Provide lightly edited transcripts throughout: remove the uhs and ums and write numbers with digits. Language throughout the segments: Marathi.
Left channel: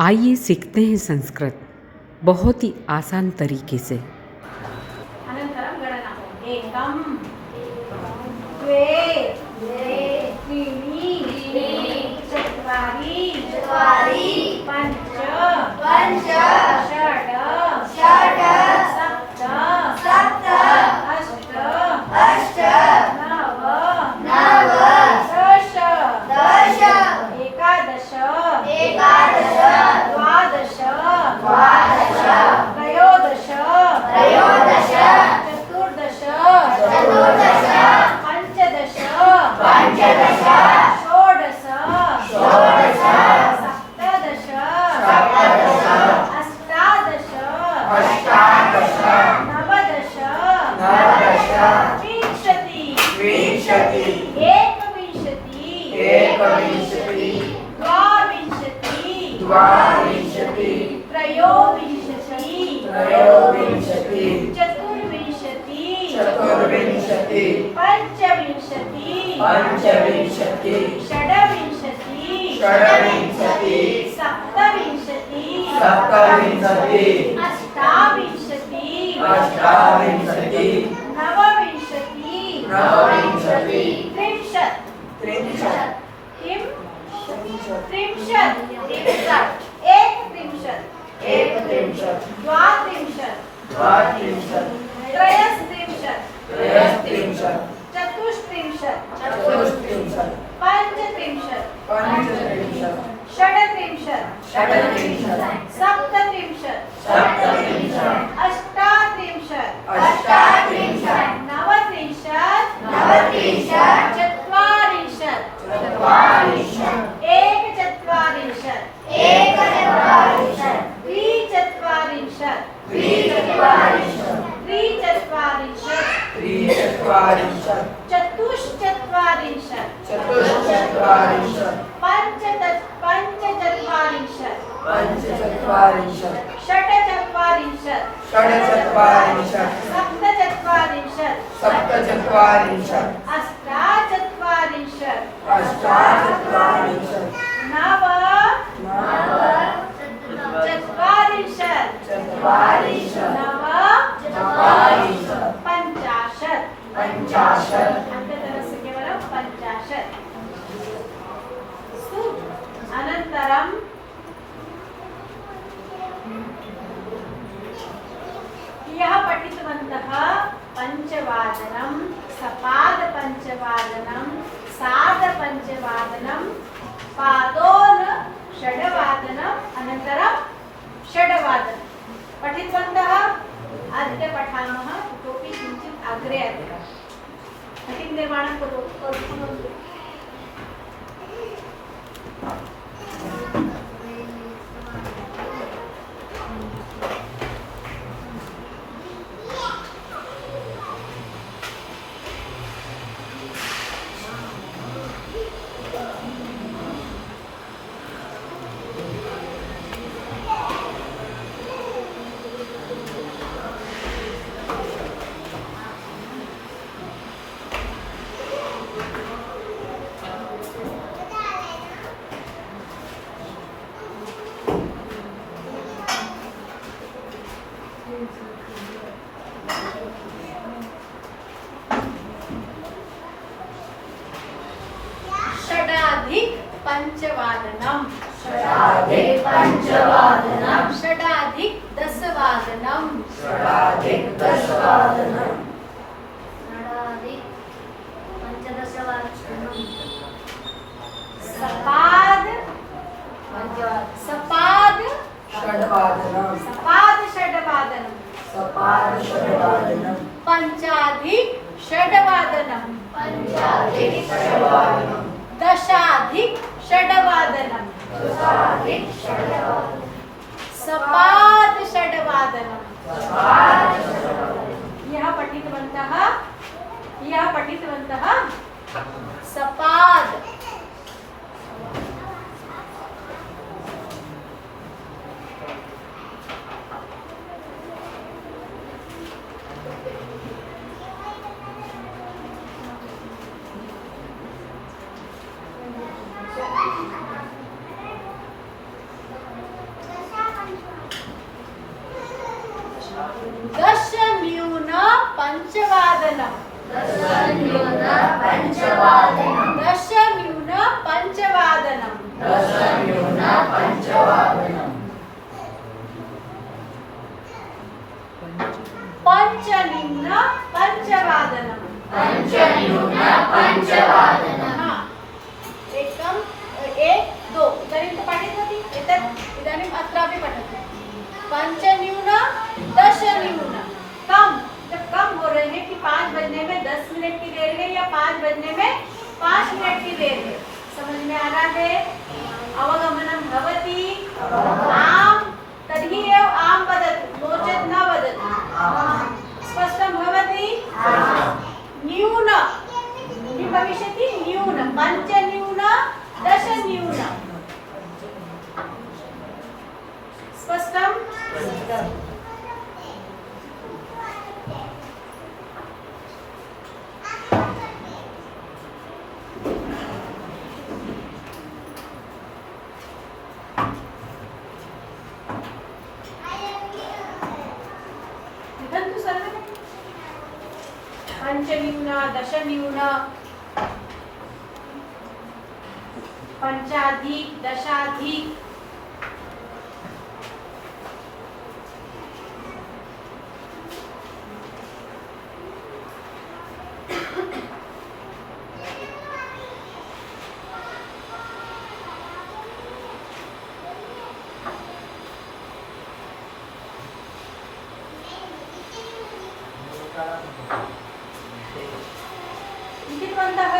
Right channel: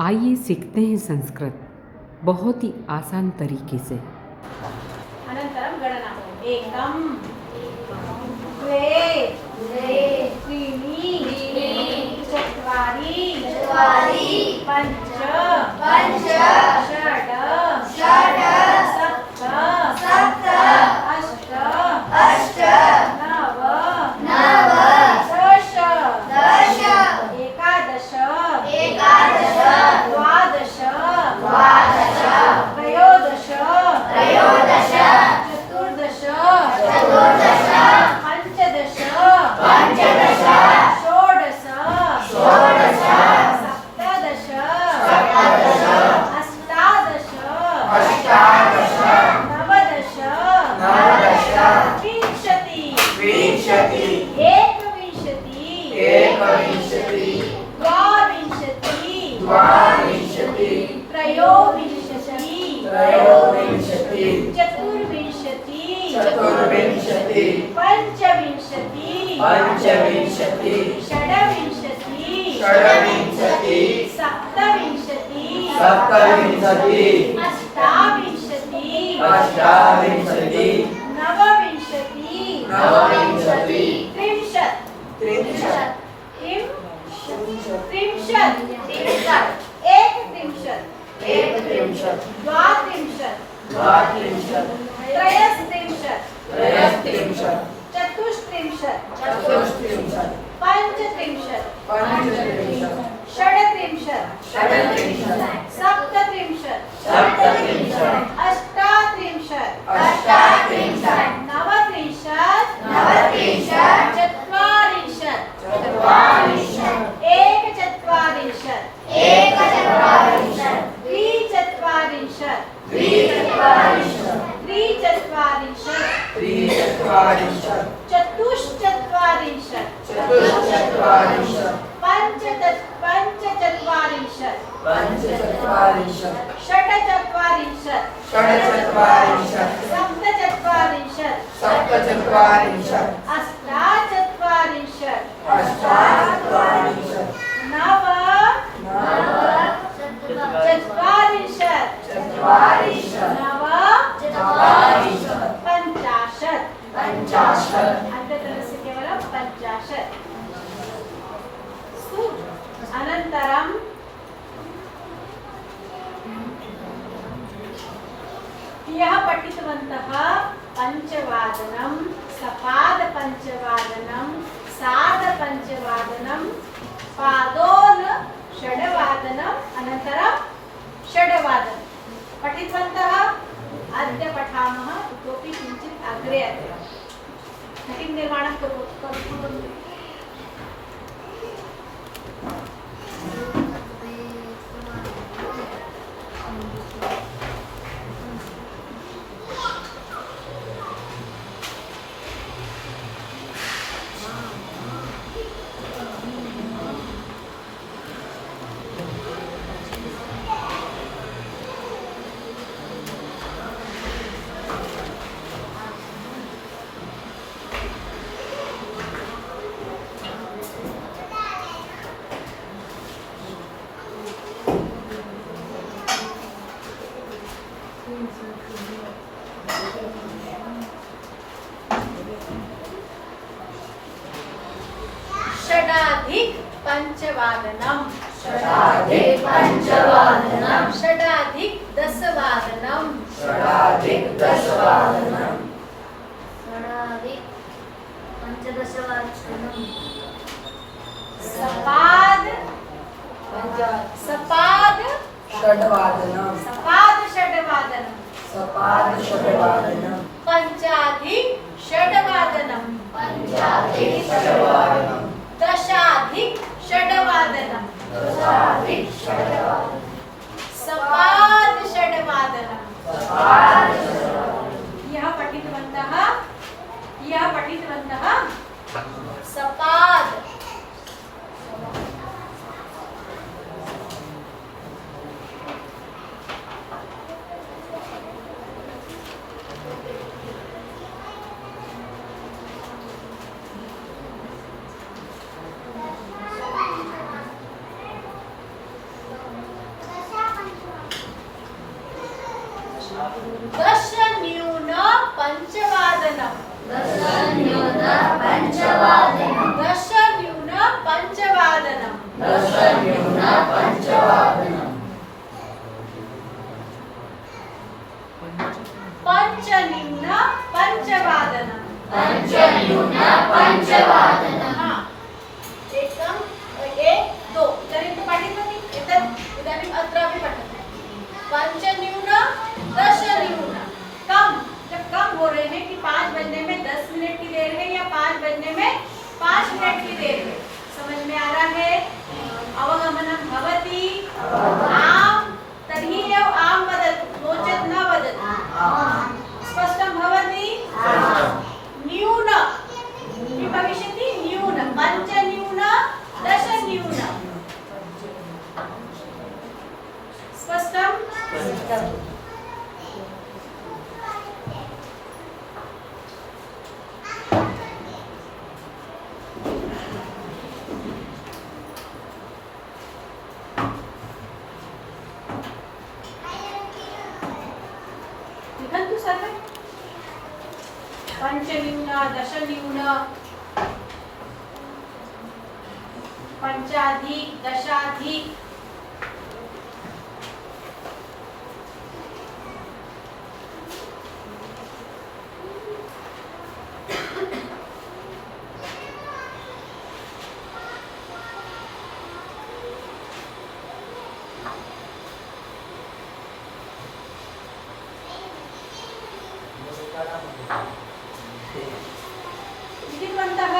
आइए सीखते हैं संस्कृत बहुत ही आसान तरीके से। अनन्तरं गणना एकं द्वे त्रीणि चत्वारि पञ्च षड् सप्त अष्ट नव दश एकादश द्वादश त्रयोदश चतुर्दश पञ्चदश षोडश सप्तदश अष्टादश नवदश विंशति एकविंशति द्वाविंशति त्रयोविंशति चतुर्विंशति पञ्चविंशति षड्विंशति सप्तविंशति अष्टाविंशति नवविंशति त्रिंशत् एकत्रिंशत् द्वात्रिंशत् त्रयस्त्रिंशत् चतुस्त्रिंशत् पञ्चत्रिंशत् षड्त्रिंशत् सप्तत्रिंशत् अष्टात्रिंशत् नवत्रिंशत् चत्वारिंशत् एकचत्वारिंशत् त्रिचत्वारिंशत् चतुश्चत्वारिंशत् पञ्चचत्वारिंशत् षट्चत्वारिंशत् सप्तचत्वारिंशत् अष्टाचत्वारिंशत् नवचत्वारिंशत् पञ्चाशत् अन्ततलस्य केवलं पञ्चाशत्। अनन्तरं यः पठितवन्तः पञ्चवादनं सपादपञ्चवादनं सार्धपञ्चवादनं पादोन षड्वादनम् अनन्तरं षड्वादनं पठितवन्तः। अद्य पठामः इतोपि किञ्चित् अग्रे घटिं निर्माणं कुर्वन्तु। षडाधिक पंचवादनम षडाधिक दशवादनम सपाद षड्वादनम पंचाधिक षड्वादनम दशाधिक षड्वादनम सपाद षड्वादनम। यह पठितवन्तः सपाद दश न्यून पंचवादनम दश न्यून पंचवादनम पंच निम्न पंचवादनम हाँ एकम एक दो इदानीं पठितवती एतत् इदानीम् अत्रापि पठतु पंच न्यून दश न्यून कम जब कम हो रहे हैं कि 5 बजने में 10 मिनट की देर है या 5 बजने में 5 मिनट की देर है समझ में आ रहा है अवगमनं भवति आम तर्हि एव आम वदतु नो चेत् न वदतु स्पष्टं भवति न्यून किं भविष्यति न्यून पंच न्यून दश न्यून स्पष्टं लिखन्तु सर्वे पंचन्यून दशन्यून पंचाधिक दशाधिक लिखितवन्तः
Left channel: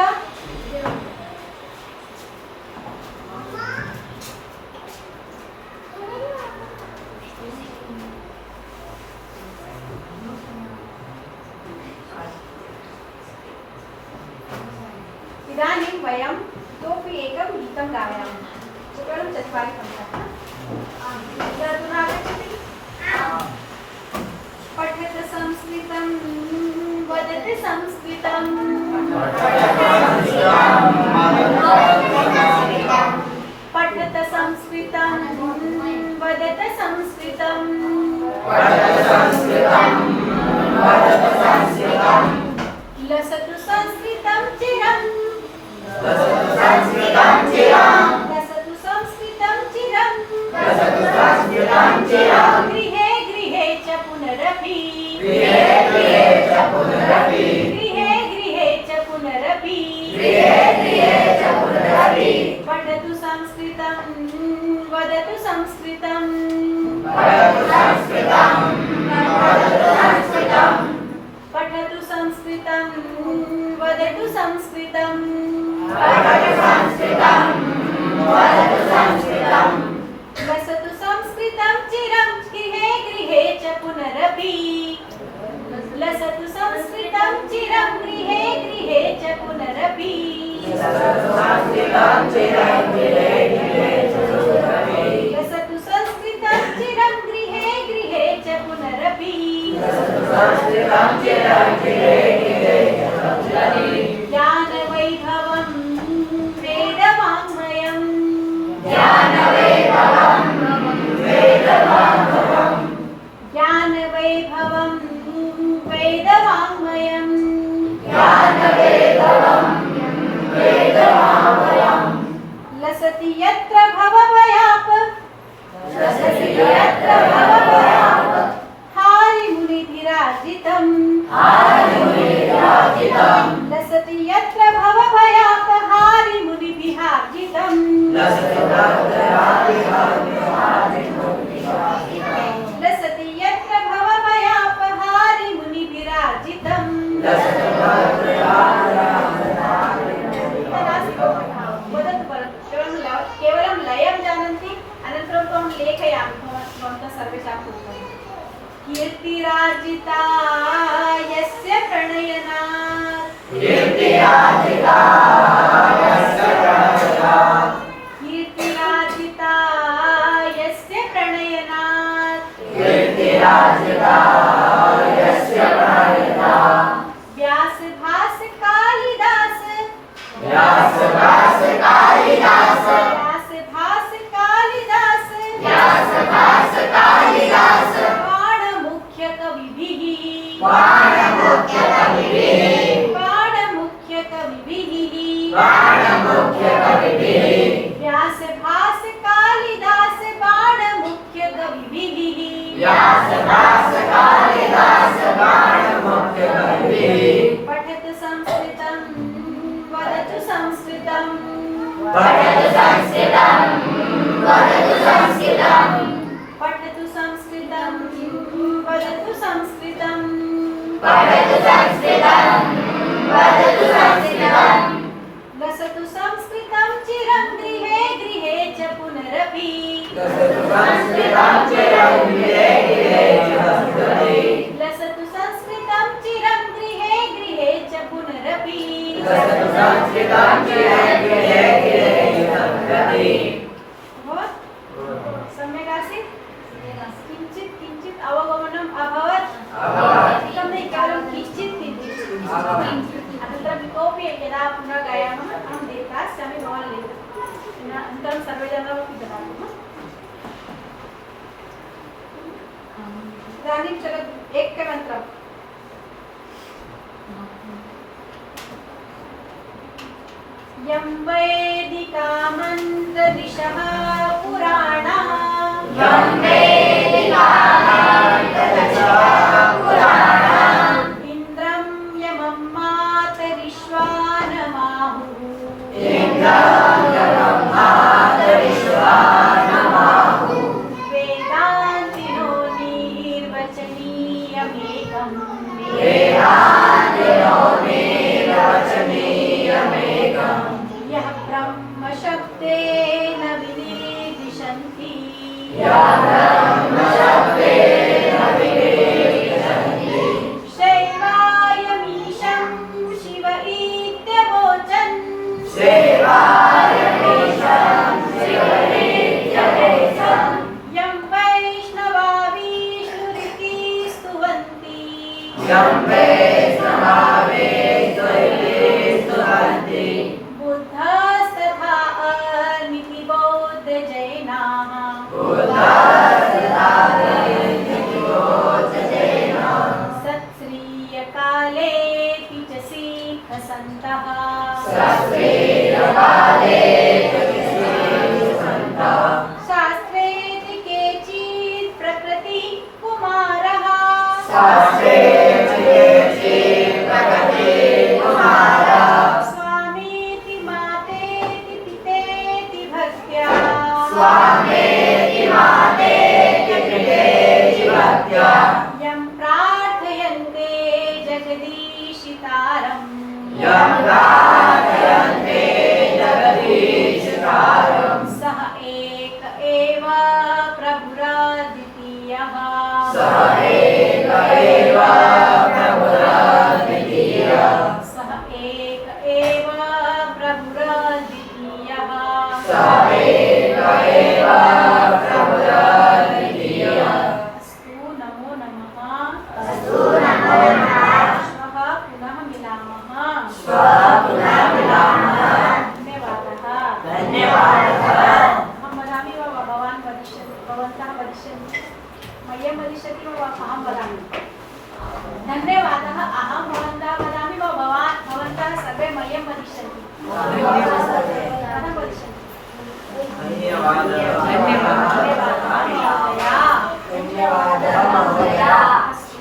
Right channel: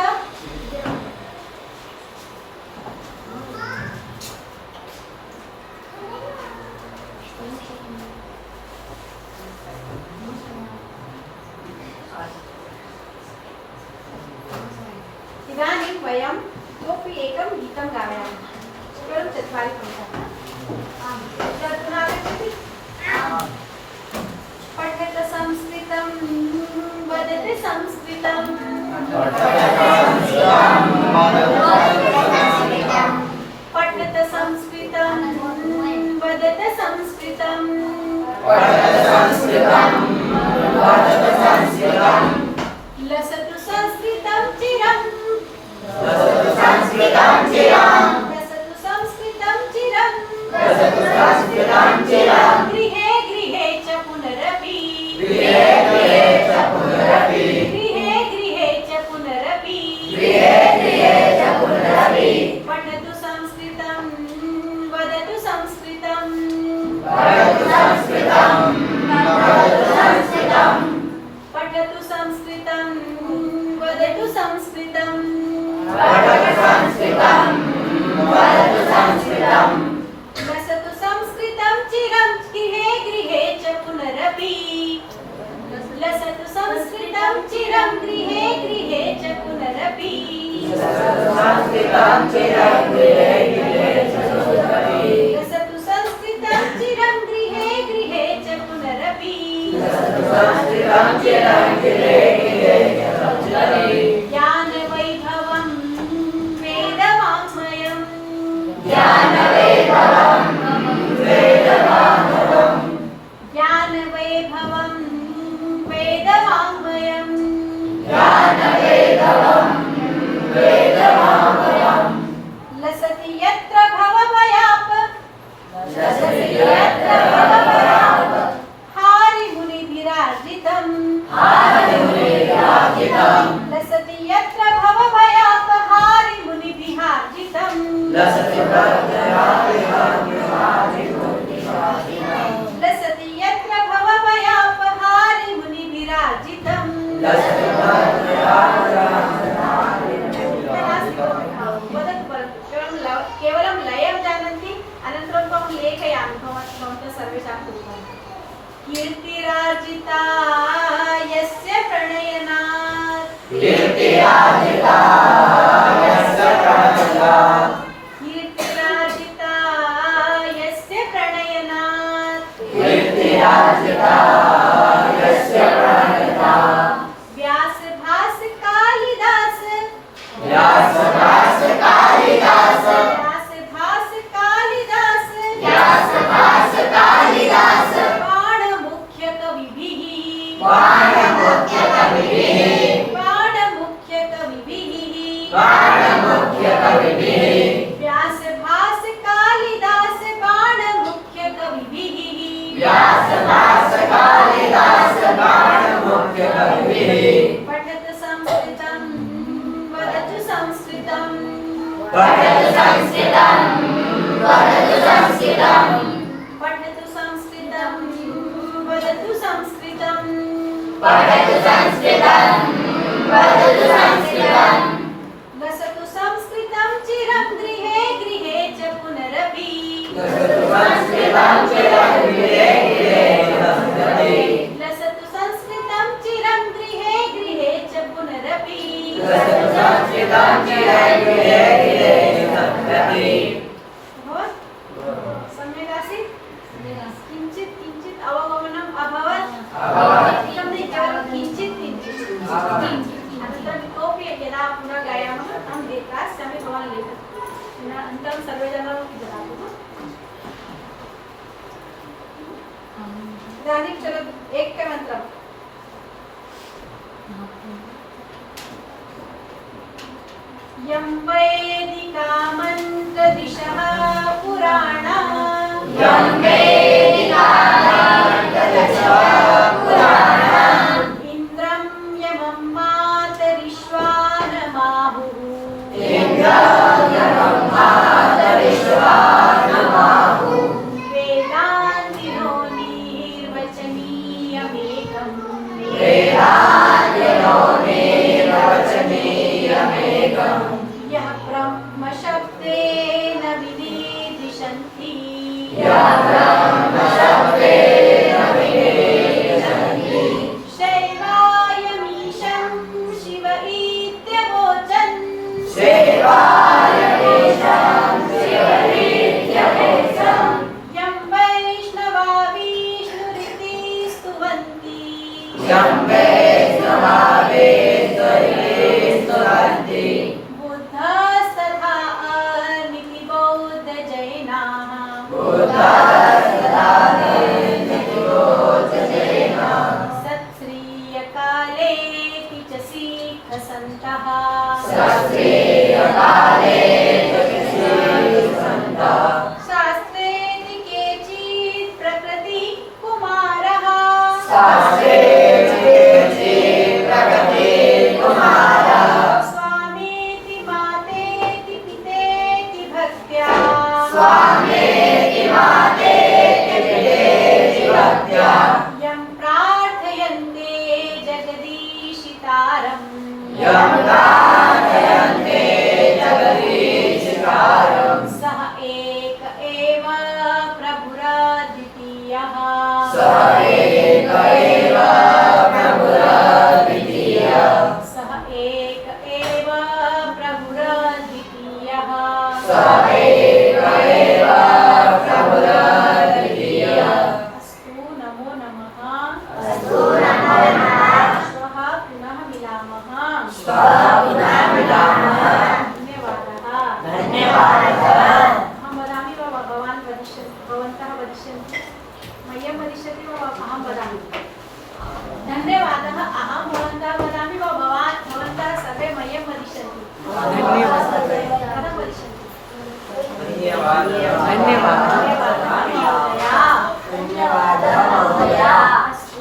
इदानीं वयं इतोपि एकं गीतं गायामः केवलं 4 पङ्क्तयः अधुना आगच्छति पठत संस्कृतं वदत संस्कृतं पठत संस्कृतं वदत संस्कृतं लसतु संस्कृतं चिरं लसतु संस्कृतं चिरं गृहे गृहे च पुनरपि गृहे गृहे च पुनरपि पठतु संस्कृतं वदतु संस्कृतं पठतु संस्कृतं वदतु संस्कृतं लसतु संस्कृतं चिरं गृहे गृहे च पुनरपि लसतु संस्कृतं चिरं गृहे गृहे च पुनरपि लसतु संस्कृतं चिरं गृहे गृहे च पुनरपि ज्ञानवैभवं वेदवाङ्मयं ज्ञानवैभवं वेदवाङ्मयं लसति यत्र भवभयाप हारिमुनिभिराजितं लसति यत्र भवभयाप हारिमुनिभिराजितं लसति यत्र भवभयाप हारिमुनिभिराजितं वदतु परन्तु केवलं लयं जानन्ति अनन्तरं त्वं लेखयामि भवन्तः सर्वेषां उक्तं कीर्तिराजिता यस्य प्रणयनात् कीर्तिराजिता यस्य प्रणयनात् व्यास भास कालिदास बाण मुख्य कवि व्यास भास कालिदास बाण मुख्य कविभिः पठत संस्कृतं वदतु संस्कृतं पठतु संस्कृतं वदतु संस्कृतं वसतु संस्कृतं चिरं गृहे गृहे च पुनरपि लसतु संस्कृतं चिरं गृहे गृहे च पुनरपि सम्यक् आसीत् किञ्चित् किञ्चित् अवगमनम् अभवत् अधिकं न केवलं किञ्चित् किञ्चित् अनन्तरम् इतोपि यदा पुनः गायामः अहं दास्यामि भवान् लिखतु अनन्तरं सर्वे जनाः ददातु इदानीं चलतु एकमन्त्रम् यं वैदिकामन्त्रदिशः पुराणा इन्द्रं यमं मातरिश्वानमाहुः वेदान्तिनो निर्वचनीयमेकम् यः ब्रह्मशब्देन विनिर्दिशन्ति शैवायमीशं शिव इत्यवोचन् यं वैष्णवा विष्णुरिति स्तुवन्ति बुद्धस्तथा अनिति बौद्धजैनाः सत्श्रीयकालेऽपि च सिद्धसन्तः शास्त्रेऽपि केचित् प्रकृतिः कुमारः स्वामेति मातेति पितेति भक्त्या यं प्रार्थयन्ते जगदीशितारम् सः एक एव प्रभुरद्वितीयः सः एक एव प्रभुरद्वितीयः अस्तु नमो नमः श्वः पुनः मिलामः धन्यवादः अहं वदामि वा भवान् वदिष्यति भवन्तः वदिष्यन्ति मह्यं वदिष्यति वा अहं वदामि धन्यवादः अहं भवन्तः वदामि वा भवन्तः सर्वे मह्यं वदिष्यन्ति कथं वदिष्यन्ति धन्यवादः महोदय अस्तु